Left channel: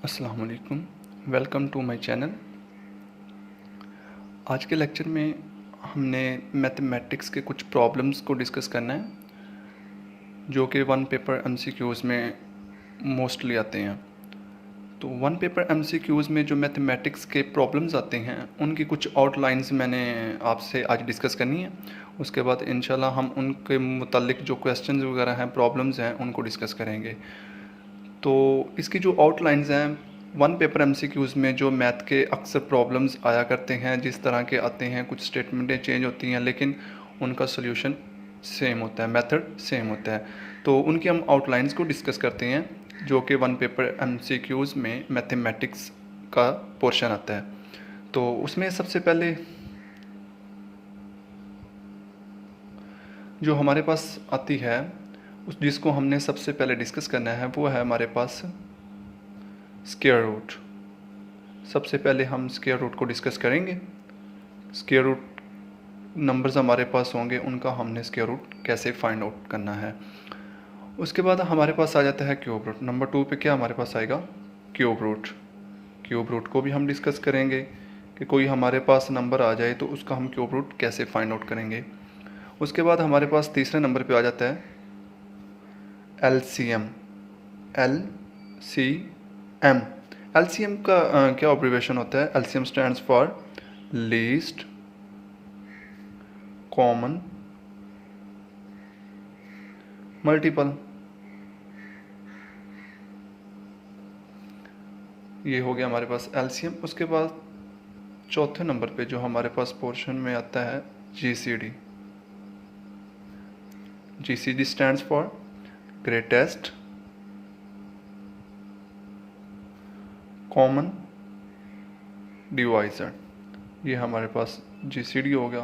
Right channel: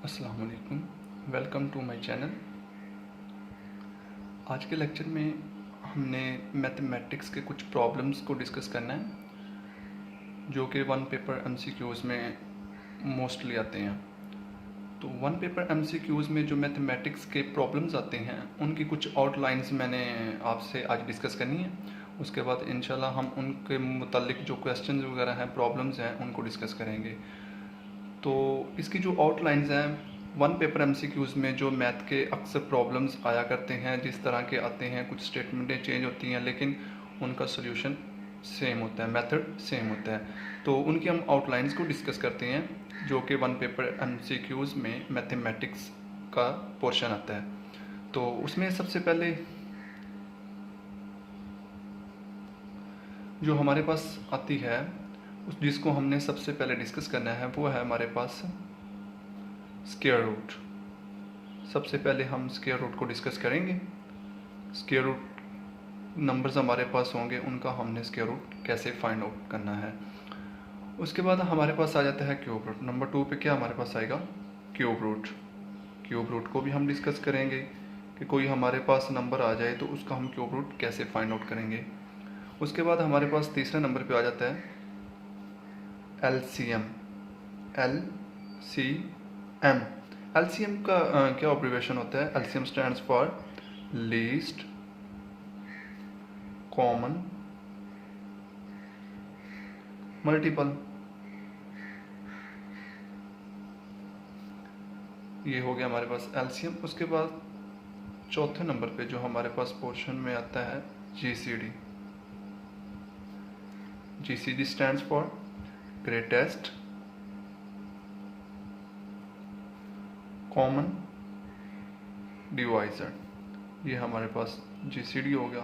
अस्सलाम वालेकुम, welcome to my channel. आज के लेक्चर में हमने मैथमेटिक्स के कुछ प्रॉब्लम्स को डिस्कस करना है जो कि वन पेपर एमसीक्यूज़ में मोस्टली आते हैं। तो वन पेपर एमसीक्यूज़ में जो मैथमेटिक्स के प्रॉब्लम्स आते हैं उनकी कुछ आउटलाइंस मैंने आपसे आज डिस्कस करनी है। उसके बाद इंशाल्लाह हम उनके मुतालिक जो क्वेश्चंस वगैरह हैं, प्रॉब्लम्स हैं, उनको डिस्कस करेंगे। तो इसकी जो आउटलाइंस हैं, वन पेपर एमसीक्यूज़ में जो मैथ के अक्सर प्रॉब्लम्स आया करते हैं, जिस तरह के आते हैं, कुछ स्टेटमेंटें चेंज होती हैं लेकिन उनका सोल्यूशन सेम होता है, मेथड सेम होता है। तो उनकी हम आउटलाइंस को डिस्कस करते हैं जो कि वन पेपर एमसीक्यूज़ में मैथमेटिक्स का पोर्शन आता है। तो उसमें सबसे पहले जो हमारे पास आती है, जिसको हमने सबसे पहले डिस्कस करना है, वो है हमारे पास स्क्वायर रूट। सबसे पहले हम स्क्वायर रूट को डिस्कस करेंगे। स्क्वायर रूट नंबर्स हमारे पास होंगे, उनका हमने स्क्वायर रूट कैसे फाइंड आउट करना है। उसके बाद हमारे पास आ जाता है क्यूब रूट। नंबर 2 पे क्या हमारे पास आएगा? Cube root. क्यूब रूट को भी हम डिस्कस करेंगे कि कोई हमारे पास नंबर आ जाए तो उसका हम क्यूब रूट कैसे फाइंड आउट करेंगे। उसके बाद हमारे पास तीसरे नंबर पे आ जाता है एलसीएम। एलसीएम का क्या ऑब्रिवेशन होता है? LCM stands for least common multiple. ये हो गया हमारे पास एलसीएम। उसके बाद चौथे नंबर पे जो हमारे पास पोर्शन में आता है GCD. GCD stands for greatest common divisor. ये हमारे पास जीसीडी होगा।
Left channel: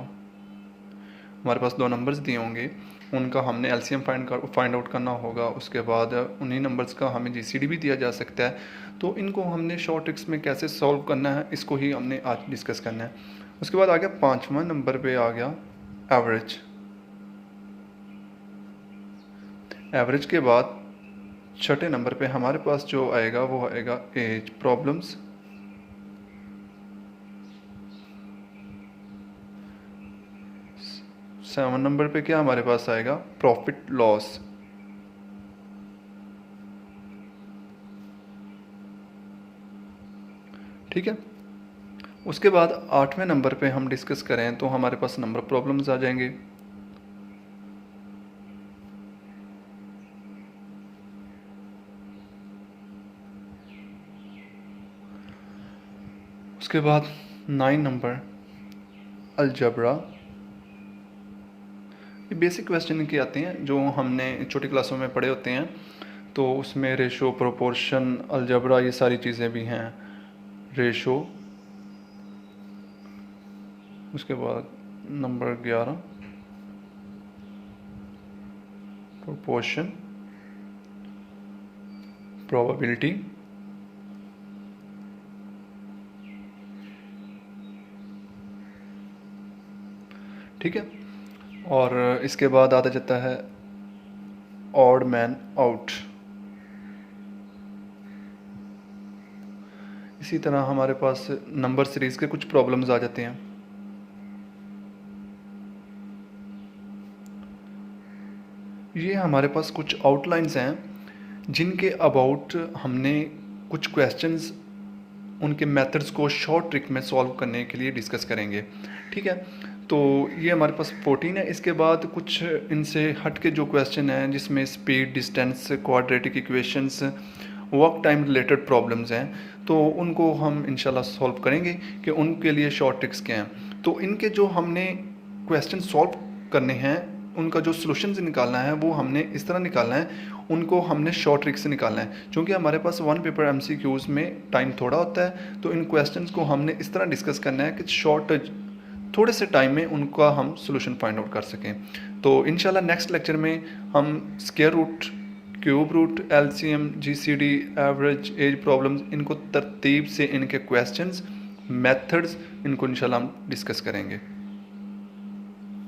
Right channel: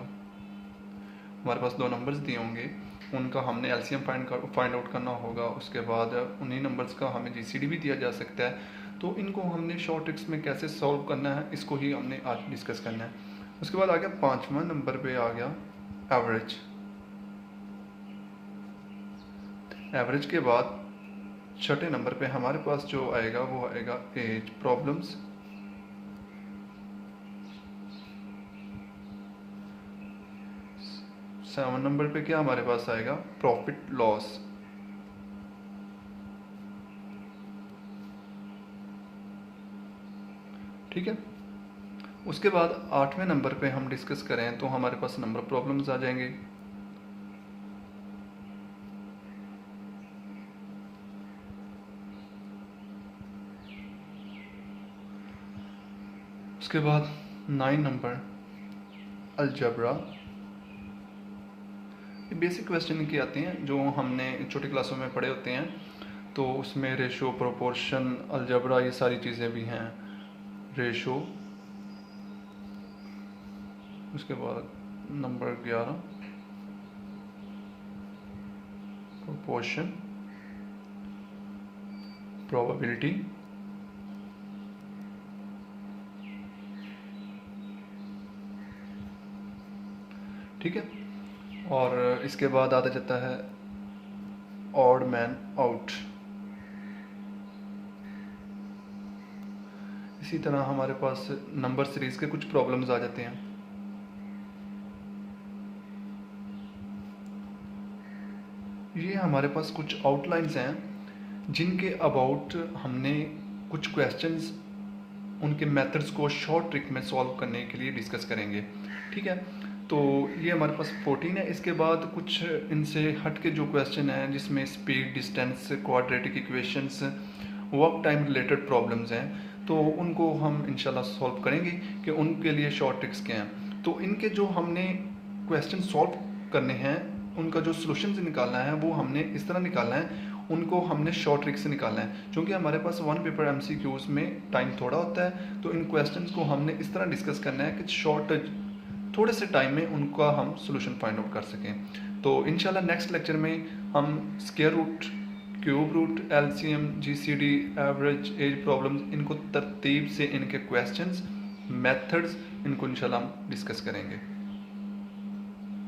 हमारे पास दो नंबर्स दिए होंगे, उनका हमने एलसीएम फाइंड आउट करना होगा। उसके बाद उन्हीं नंबर्स का हमें जीसीडी भी दिया जा सकता है। तो इनको हमने शॉर्ट ट्रिक्स में कैसे सॉल्व करना है, इसको ही हमने आज डिस्कस करना है। उसके बाद आ गया पाँचवा नंबर पे आ गया एवरेज। एवरेज के बाद छठे नंबर पे हमारे पास जो आएगा वो आएगा एज प्रॉब्लम्स। सेवन नंबर पे क्या हमारे पास आएगा? Profit loss. ठीक है। उसके बाद आठवें नंबर पे हम डिस्कस करें तो हमारे पास नंबर प्रॉब्लम्स आ जाएंगे। उसके बाद 9 नंबर अलजबरा। ये बेसिक क्वेश्चन की आती हैं जो हमने छोटी क्लासों में पढ़े होते हैं। तो उसमें रेशो, प्रोपोर्शन, अलजबरा, ये सारी चीज़ें भी हैं। रेशो, उसके बाद नंबर 11 प्रोपोर्शन, प्रोबेबिलिटी, ठीक है। और इसके बाद आता जाता है ऑड मैन आउट। इसी तरह हमारे पास नंबर सीरीज के कुछ प्रॉब्लम्स आ जाते हैं। ये हमारे पास कुछ आउटलाइंस हैं जिनके अबाउट हमने कुछ क्वेश्चंस, उनके मेथड्स को शॉर्ट ट्रिक में सॉल्व करने के लिए डिस्कस करेंगे। ठीक है। तो ये हमारे पास 14 है। इसके बाद कुछ इनसे हट के जो क्वेश्चन हैं जिसमें speed, distance, quadratic equations, work time related problems हैं, तो उनको हम इंशाल्लाह सॉल्व करेंगे कि उनके लिए शॉर्ट ट्रिक्स क्या हैं। तो इनके जो हमने क्वेश्चन सॉल्व करने हैं, उनका जो सॉल्यूशंस निकालना है वो हमने इस तरह निकालना है, उनको हमने शॉर्ट ट्रिक से निकालना है। क्योंकि हमारे पास वन पेपर एमसीक्यूज़ में टाइम थोड़ा होता है, तो इन क्वेश्चंस को हमने इस तरह डिस्कस करना है कि थोड़े से टाइम में उनका हम सॉल्यूशन फाइंड आउट कर सकें। तो इंशाल्लाह नेक्स्ट लेक्चर में हम square root, cube root, LCM, GCD, average, age problems, इनको तरतीब से इनके क्वेश्चंस, मेथड्स, इनको इंशाल्लाह हम डिस्कस करेंगे।